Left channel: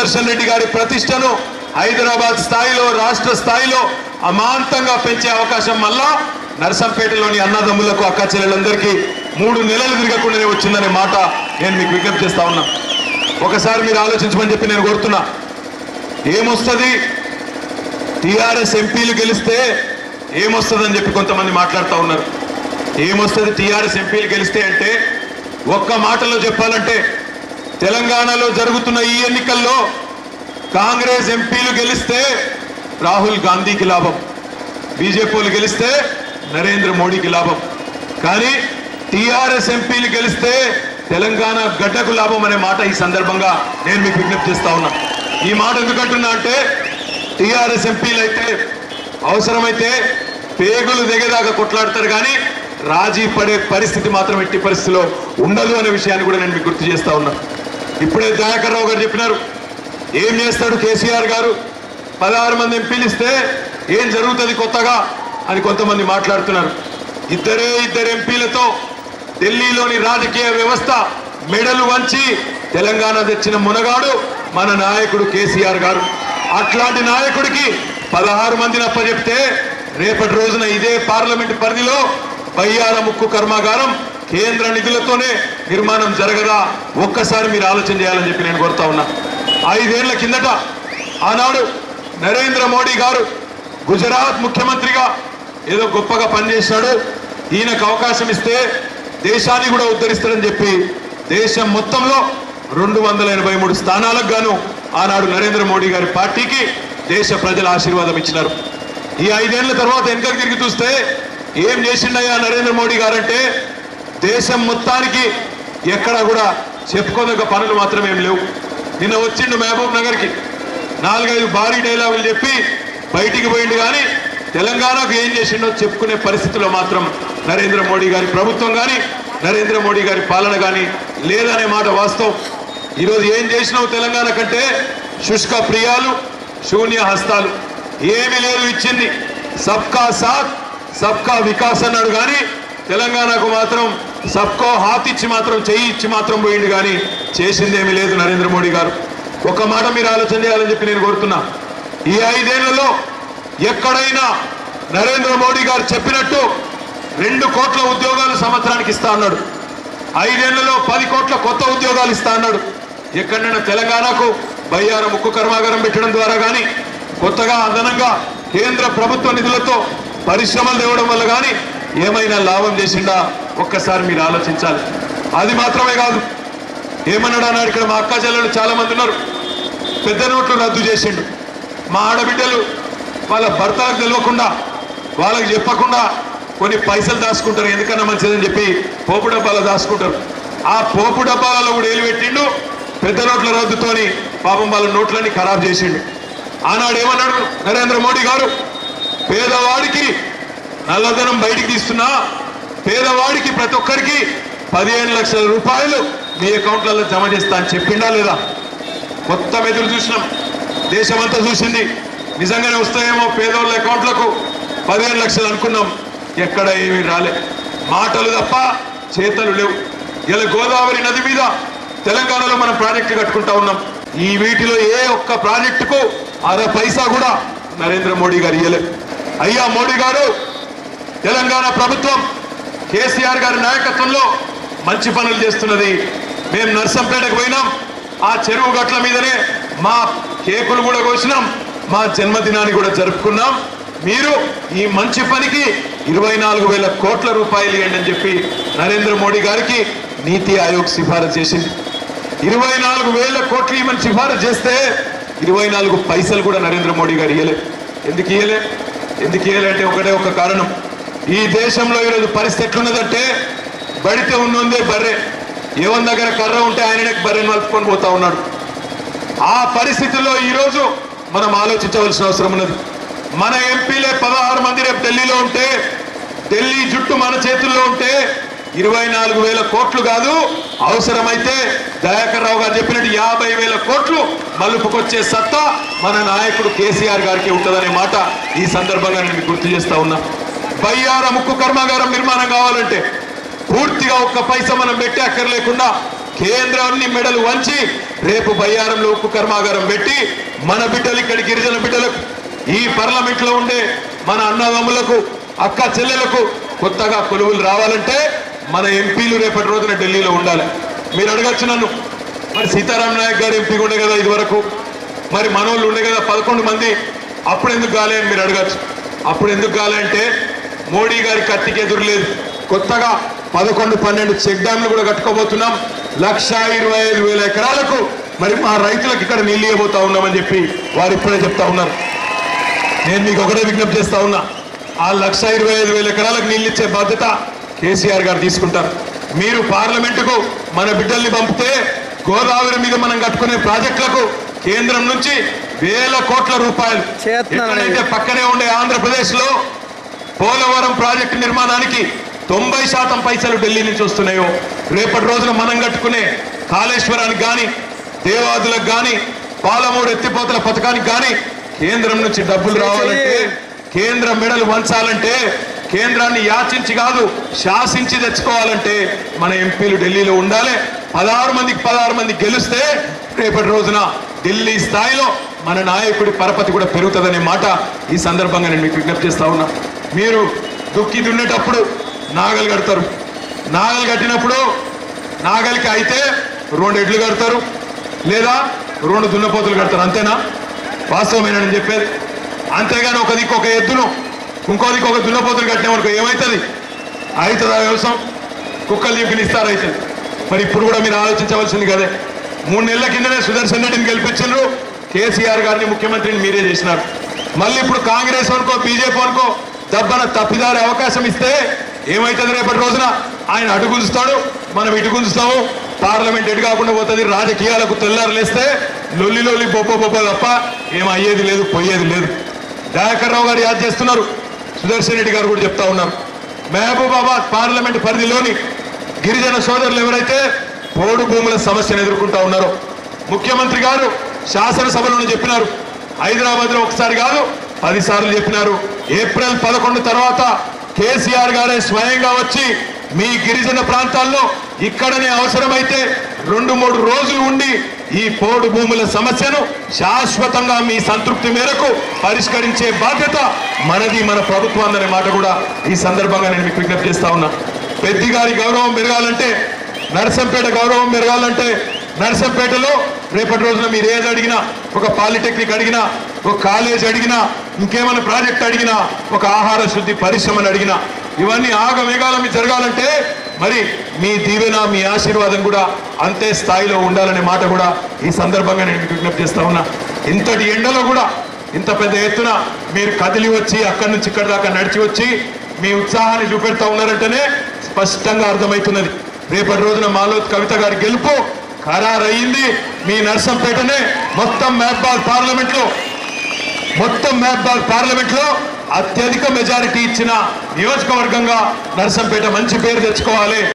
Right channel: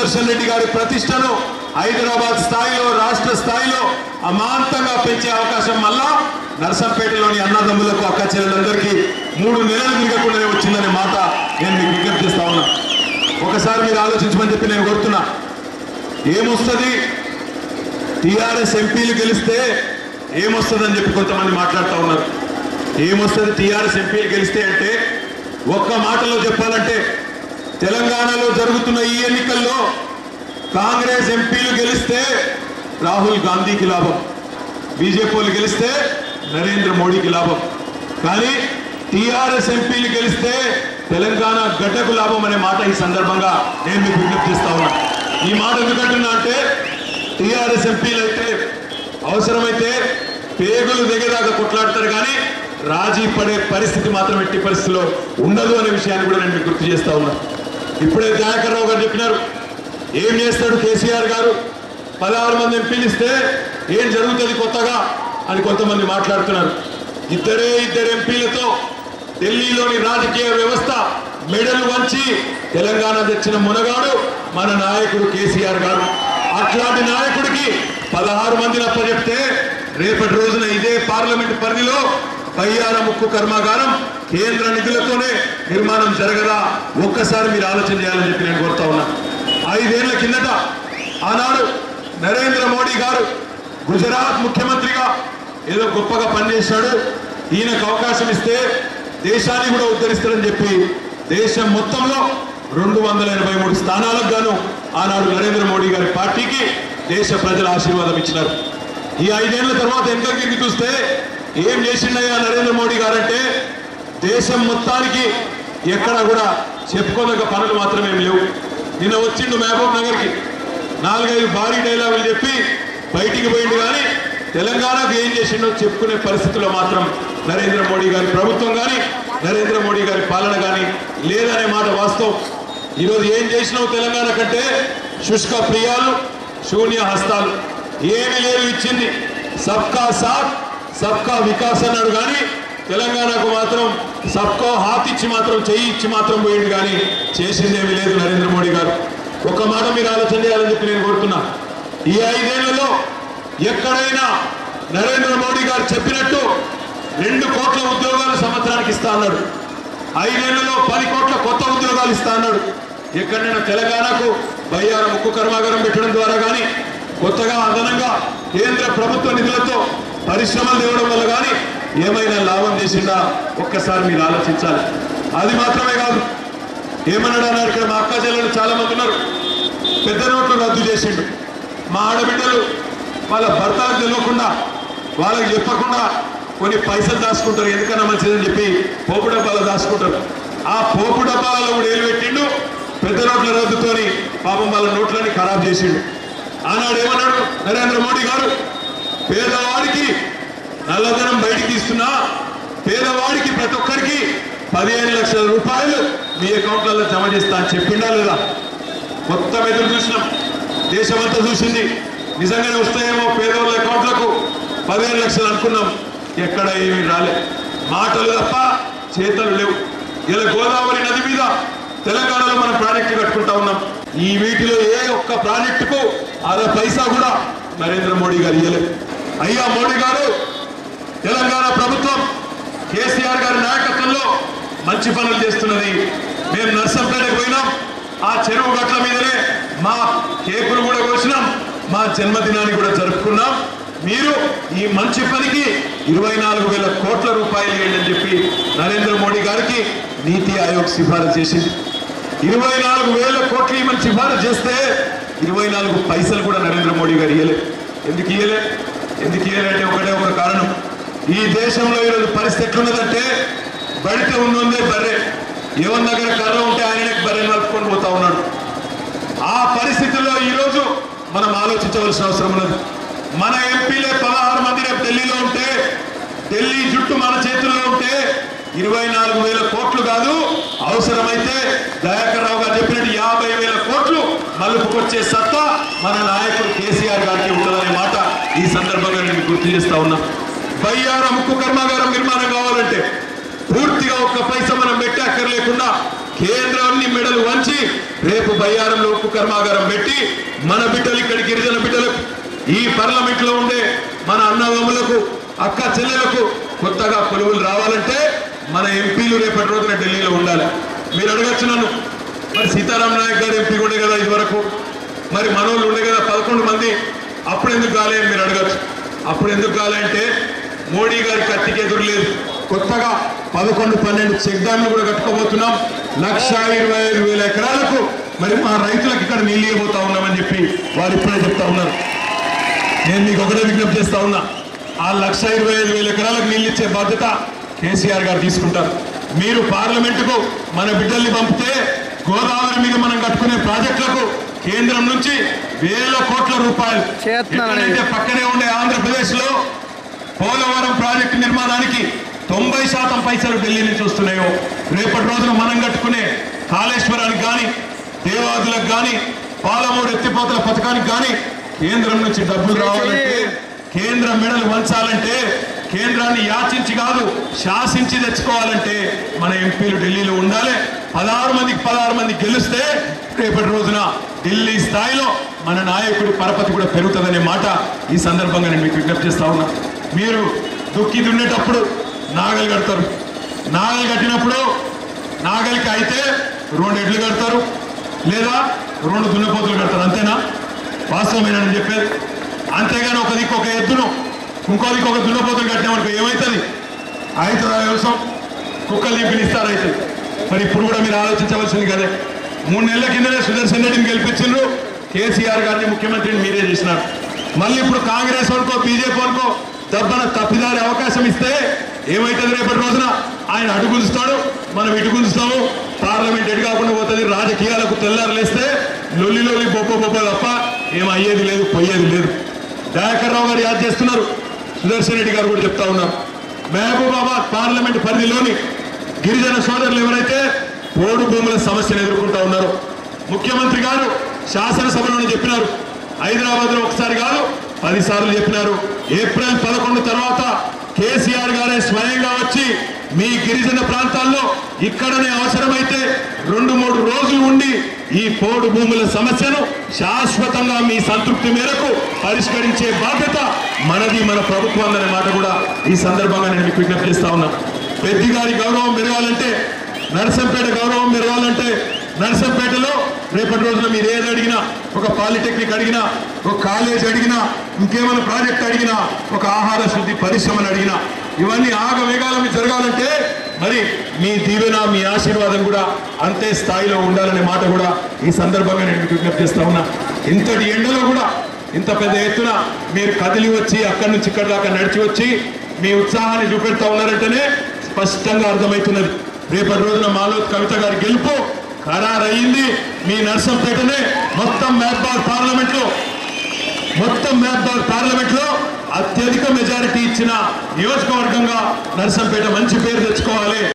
సుదర్శన్ రెడ్డి గారి ప్రతిష్టను హైదరాబాద్ స్థాయిలో రాష్ట్ర స్థాయిలో అమాంతంగా పెంచే అవకాశం మళ్ళా నర్సంపేటలోని అన్నదమ్ములకు అక్క చెల్లెలందరికీ మూడు నెలలు తిరగకుండానే వచ్చిందనే మాట నేను మీకు విజ్ఞప్తి చేస్తా ఉన్నా. ఒకసారి మీరు ఆలోచించమని చెప్పి నేను కోరుతున్నా. ఏమొస్తుంది? టీఆర్ఎస్ ఎంపీలు గెలిస్తే ఏమొస్తుందని చెప్పి కొంతమంది మాట్లాడుతూ ఉన్నారు. ఏమొస్తుంది? టీఆర్ఎస్ ఎంపీలు గెలిస్తే అంటే ఒక్క మాటలో చెప్పాలంటే తెలంగాణలో జరుగుతున్న ఈ ఎన్నికల్లో కాంగ్రెస్ ఎంపీలు గెలిస్తే రాహుల్ గాంధీకి లాభం బీజేపీలు గెలిస్తే నరేంద్ర మోడీకి లాభం. కానీ టీఆర్ఎస్ ఎంపీలు గెలిస్తే తెలంగాణ గడ్డకు లాభం అనే మాట ఈ సందర్భంగా నేను మీకు విజ్ఞప్తి చేస్తా ఉన్నా. ఈ మాట ఎందుకంటున్నా అంటే టీఆర్ఎస్ ఎంపీలు అయితే అవసరమైతే పేగులు దిగేదాకా కొట్లాడతారు కానీ రాజీ పడే పరిస్థితి మాత్రం ఎట్టి పరిస్థితిలో ఉండదు అనే విషయాన్ని కూడా నేను మీకు గుర్తు చేస్తా ఉన్నా. ఇప్పుడే దయాకర్ రావు గారు చెప్పినారు. ఏం చేస్తాడు కేసీఆర్ గారు? పదహారు మంది ఎంపీలు ఇస్తే ఏం జరుగుతుంది కొత్తగా అని కొంతమంది మాట్లాడుతున్నారు. ఇద్దరే ఇద్దరు ఎంపీలతో ఢిల్లీలోని రాజకీయ వ్యవస్థ మెడలు వంచి తెలంగాణ తెచ్చిన మునగాడు మన నాయకుడు కేసీఆర్ గారు. అట్లాంటి నాయకుడికి పదహారు మందిని అప్పచెప్తే రేపటి రోజున ఇదే పార్లమెంట్ పరిధిలో బయ్యాల ముక్కు కర్మాగారం కేంద్ర నిధులతోనే నిర్మాణం జరగదా ఒక్కసారి మీరు ఆలోచన చేయాలని చెప్పి నేను కోరుతా ఉన్నా. ఐదేళ్ళ కిందట ఆనాడు నరేంద్ర మోడీ గారు గుజరాత్ ముఖ్యమంత్రిగా ఏదో గొప్పగా పనిచేశాడు. ఈయనకు అవకాశం ఇస్తే దేశాన్ని కూడా ఉద్ధరిస్తాడని చెప్పి దేశం మొత్తంలో రెండు వందల ఎనభై మూడు స్థానాలకు గాను ఆనాడు నరేంద్ర మోడీ గారి పార్టీకి దేశ ప్రజల ఆశీర్వాదం ఇచ్చినారు. ఈ ఐదేళ్ళ తర్వాత వెనుకకు తిరిగి చూస్తే ఏం చేసిండయ్యా నరేంద్ర మోడీ గారంటే దేశం మొత్తానికి ఎక్కడా కూడా చెప్పుకోదగ్గ పనులు మాత్రమేం లేవు. నిన్న వచ్చిండు మహబూబ్ నగర్కి. నాలుగైదు భారీ డైలాగులు చెప్పి బయటికి పోయిండు కానీ తెలంగాణకు ఏం చేసిండో చెప్పుకునే పరిస్థితిలో మాత్రం నరేంద్ర మోడీ గారి ప్రభుత్వం కానీ నరేంద్ర మోడీ గారి పాలన కానీ లేదనే మాట వాస్తవం. ఈరోజు ఏం చేసినావు తెలంగాణ కంటే? శుష్క ప్రియాలు శూన్య హస్తాలు. ఏమి లేదు ఇచ్చింది. సబ్కా సాత్ సబ్కా వికాస్ అన్నాడు కానీ తెలంగాణకు మాత్రం సబ్కో హాత్ ఇచ్చి మాత్రం చేయి ఇచ్చి మాత్రం పోయింది కానీ చేసిందేమీ లేదు నరేంద్ర మోడీ గారు. ఒక మాట మీరు ఆలోచన చేయాలని చెప్పి నేను కోరుతున్నా. ఈ ఐదేళ్ళలో ఎక్కడైనా నరేంద్ర మోడీ గారు చెప్పినట్టు రెండు కోట్ల ఉద్యోగాలు సంవత్సరానికి ఇస్తా అన్నాడు. ఐదేళ్ళలో పది కోట్ల కొత్త ఉద్యోగాలు ఇస్తా అన్నాడు. ఎక్కడైనా తెలంగాణకు బయ్యార ముక్కు కర్మాగారం పెట్టడం ద్వారా కానీ కొత్తగా అదనంగా కేంద్ర ప్రభుత్వ నిధులతో పరిశ్రమలు తేవడం వల్ల కానీ ఏమైనా లాభం చేసిందా ఒక్కసారి మీరు ఆలోచించాలి. అది మాత్రమే కాదు. ఏమన్నాడు అన్నాడు ఇక్కడ మా అక్క చెల్లెలు చాలా మంది ఉన్నారు. పెద్ద నోట్లు రద్దు చేసిండు. మా ఆడబిడ్డలు వాళ్ళ భర్తలకు తెలియకుండా వాళ్ళకి చెప్పకుండా కొన్ని పైసలు దాచుకుంటారు. ఎందుకన్నా మంచిదని చెప్పి పోపు డబ్బాలు దాచుకుంటారు. ఆ పోపు డబ్బాలలో కూడా ఏలు పెట్టిండు. పెద్ద నోట్ల రద్దుతోని పాపం వాళ్ళ నోట్లన్నీ ఖరాబ్ చేసిండు. ఆనాడు ఏమన్నాడు నరేంద్ర మోడీ గారు? పేదవాడికి నల్లధనం బయటికి తీస్తున్నా పేదవాడికి ప్రతి ఒక్కరికి పదిహేను లక్షల రూపాయలు మీ అకౌంట్లలో జమ చేస్తా అని చెప్పిండా లేదా? మొత్తం ఎదురు చూసినాం. దేశమంతా చూసింది. నిజంగానే వస్తాయేమో పేదవాళ్ళ అకౌంట్లకు పదిహేను లక్షలు అనుకున్నాం. ఎక్కడ ఏమీ రాలే. మాటలు తప్ప చేతలు లేవు. ఇలా గోదావరి నది మీద తెలంగాణలో మనం ప్రాజెక్టు కట్టుకుంటా ఉన్నాం. ఈ వీటిలో ఏ ఒక్క ప్రాజెక్టుకు అర పైసా కూడా నరేంద్ర మోడీ గారు ఇయ్యలేదు అయ్యా మోడీ గారు తెలంగాణ ప్రభుత్వం కేసీఆర్ గారి నాయకత్వంలో మంచి పనులు చేస్తున్నది. మేము నర్సంపేటకు పోయినాం. ఆ చెరువు గట్ల మీదనే మా కేకులు కూడా కోసినాం. మా జన్మదినాన్ని కూడా జరుపుకున్నాం. మీరు ఈ మంచి పనికి ఇరవై నాలుగు వేల కోట్ల రూపాయలు ఇవ్వండి అని చెప్పి నరేంద్ర మోడీ గారికి నీతి ఆయోగ్ సిఫారసు చేసింది. ఇరవై నాలుగు వేల కోట్లు ఇవ్వమని సిఫారసు చేస్తే ఇరవై నాలుగు పైసలు కూడా నరేంద్ర మోడీ గారు ఇవ్వలేదు ఎందుకు ఇయ్యలే? ఎందుకు ఇయ్యలే అంటే ఒకటే ఒక కారణం. ఈ దేశంలో ఈరోజు పరిస్థితి ఎట్లున్నదంటే బడితే ఉన్నదే బర్రె. ఎవరి దగ్గర కర్ర ఉంటే ఆయనకి బర్రెని మలుపుకొని పోతా ఉన్నాడు. ఆ పరిస్థితుల్లో ఈరోజు మనం ఆలోచించవలసిన అవసరం ఉన్నది. మన ఎంపీలే పదహారు మంది రేపు ఢిల్లీలో ఉంటే ఢిల్లీ జుట్టు మన చేతుల్లో ఉంటే ఇరవై నాలుగు వేల కోట్లు కాదు అవసరమైతే దయాకర్ రావు గారు చెప్పినట్టు యాభై వేల కోట్లు మలుపుకొచ్చే సత్తా మన నాయకుడు కేసీఆర్ గారికి ఉంటుందనే మాట ఈ సందర్భంగా నేను గుర్తు చేస్తా ఉన్నా. బయ్యార ముక్కు కర్మాగారం నిర్మాణం కావాలంటే పూర్తిగా ఒక్క పైసా మనం పెట్టే అక్కర్లేకుండా కేంద్రాన్ని మెడలు వంచి రేపు బయ్యారంలో ఉక్కు కర్మాగారం పెట్టి మన బిడ్డలు ఇక్కడ గిరిజన బిడ్డలకు ఈ పార్లమెంట్లో ఉండే మన అన్నదమ్ములకు అక్క చెల్లెలకు కొత్తగా కొలువులు రావాలంటే మన ఎంపీలు రేపటి రోజున ఢిల్లీలో ఉండాలి. మీరు అడగచ్చు నన్ను. మరి సీతారాం నాయక్ గారు ఎంపీ ఉండే కదా ఇదివరకు? మరి మనోళ్ళు ఉండే కదా పదకొండు మంది? అప్పుడు ఎందుకు కాలే అని మీరు అడగచ్చు. అప్పుడు ఎందుకు కాలే అంటే మోడీ గారి కత్తికి ఎదురు లేదు కొత్తగా పదకొండు పన్నెండు చెక్ డ్యాంలు కూడా కట్టుకోబోతున్నాం. లక్ష ఇరవై ఐదు వేల ఎకరాలకు మరి మా రైతులకు ఇక్కడ నీళ్ళు ఇవ్వబోతా ఉన్నామని చెప్పి వారు ఇప్పుడే చెప్తా ఉన్నారు. నేను మీకు ఒకటే విజ్ఞప్తి చేస్తా ఉన్నా. ఆ లక్ష ఇరవై ఐదు వేల ఎకరాలకు నీళ్ళు ఇచ్చే బాధ్యత కేసీఆర్ గారు తీసుకుంటారు. మీరు పార్లమెంటుకు మన బిడ్డల్ని పంపితే గోదావరి మీద మనం కట్టుకునే ప్రాజెక్టులకు కేంద్రం నుంచి వేల కోట్ల రూపాయలు పక్కనే ఉండే ఆంధ్రప్రదేశ్లో పోలవరం ప్రాజెక్టు నిర్మాణానికి తొంభై శాతం పైసలు ఢిల్లీ నుంచి వస్తున్నాయో రేపటి రోజున మనం కట్టుకునే కాళేశ్వరానికి కానీ దేవాదులకు కానీ పాలమూడు ఎత్తిపోతల పథకానికి కానీ కేంద్రం నుంచి డబ్బులు రావాలంటే కేంద్రం మెడలు వంచాలంటే కేంద్రాన్ని యాచించి కాదు శాసించి తెచ్చుకోవాలంటే మన ఎంపీలు ఢిల్లీలో ఉండాలి. పదహారు మందికి పదహారు మంది గెలిస్తే రేపటి రోజున ఢిల్లీ స్థాయిలో మన నాయకుడి పరపతి కూడా పెరుగుతుందనే మాట ఈ సందర్భంగా నేను మీకు విజ్ఞప్తి చేస్తా ఉన్నా. మీరు దుక్కి దున్నేటప్పుడు నాగలు కడతారు. నాగలు కట్టినప్పుడు నాగలికి అయితే రెండు ఎడ్లు కడతారు. లేదా రెండు దున్నపోతులు కడతారు. అంతేనా? వాస్తవమేనని చెప్పేది? అంతేగాని ఒక దిక్కు ఒక ఎద్దును ఇంకో దిక్కు ఒక దున్నపోతులు కట్టినవరకు ఏమవుతుంది అవుతుందా వ్యవసాయం? కుక్కలు దింపిని ఇస్తారు మరి ఇప్పుడు కూడా మీరు ఆలోచించవలసింది కదే. మూడు నెలల కిందనే సుదర్శన్ రెడ్డిని గెలిపించారు కేసీఆర్ గారిని ముఖ్యమంత్రిని మీరే చేసినారు. మళ్ళీ ఇప్పుడు కాంగ్రెస్ అనుకో బీజేపీ అనుకో దబ్బన తప్పిదారే అవకాశం ఇస్తే ఏమవుతుంది రేపటి రోజున? ఆయన అటు గుంజుతాడు మనం ఇటు గుంజుతాము పార్లమెంట్ ఎటు కాకుండా పోతుంది? రాజకీయాలకు తెల్లారలేస్తే లొల్లి లొల్లి బొప్ప బొప్ప తప్ప ఏం అయ్యేది లేదు పోయేది లేదు. దయాకర్ రావు గారు యాద్ చేస్తున్నారు. సుదర్శన్ రెడ్డి గారు కూడా చెప్తా ఉన్నారు. మహబూబాబాద్ పార్లమెంట్ పరిధిలోని గిరిజన సోదరులు ఎవరైతే పోడు భూముల సమస్యను ఎదుర్కొంటా ఉన్నారో ముఖ్యమంత్రి గారు శాసనసభలోనే చెప్పినారు. హైదరాబాద్లో ఒకసారి కాదు పదిసార్లు చెప్పినారు. ఏప్రిల్ పదకొండు తర్వాత కేసీఆర్ గారే స్వయంగా వచ్చి మీ గిరిజన ప్రాంతాల్లో ఇక్కడనే అవసరమైతే రెండు మూడు రోజులు ఉండి ఈ పోడు భూముల సమస్యను శాశ్వతంగా మీ సంతృప్తి మేరకు పరిష్కరించే బాధ్యత మనది మన ప్రభుత్వం అనే మాట కూడా ఈ సందర్భంగా నేను మీకు విజ్ఞప్తి చేస్తా ఉన్నా. పెద్ది గారి గౌరవం పెరగాలంటే నరసంపేట గౌరవం పెరగాలంటే నర్సంపేటలో రేపటి రోజున మీరు ఏది అడిగినా ఒక పాలిటెక్నిక్ అడిగినా ఒక కాలేజ్ అడిగినా ఇంకేమైనా ప్రాజెక్ట్ అడిగినా ఒక ఆహార శుద్ధి పరిశ్రమను అడిగినా ఇవన్నీ ఆగవేగాల మీద జరగాలంటే మరి మీ దీవెన మీ ఆశీర్వాదం కూడా అంతే స్థాయిలో ఉండాలనే మాట కూడా ఈ సందర్భంగా నేను విజ్ఞప్తి చేస్తా ఉన్నా. ఇంతటి ఎండలో కూడా ఇంత పెద్ద ఎత్తున మీరు కదిలి వచ్చి అక్కడి నుంచి ఇక్కడి దాకా నడిచి వచ్చి మీ ఉత్సాహాన్ని చూపెడతా ఉన్నారంటేనే స్పష్టంగా అర్థమవుతున్నది. రేపటి రోజున మాలో కవిత గారి గెలుపు ఖరారయ్యింది. మీ నర్సంపేటనే మొత్తం మహబాద్ పార్లమెంట్లో మొత్తం మహబాద్ పార్లమెంట్లో అత్యధిక మెజారిటీ ఇచ్చిన నియోజకవర్గంగా నర్సంపేట మంచి పేరు తెచ్చుకోవాలి.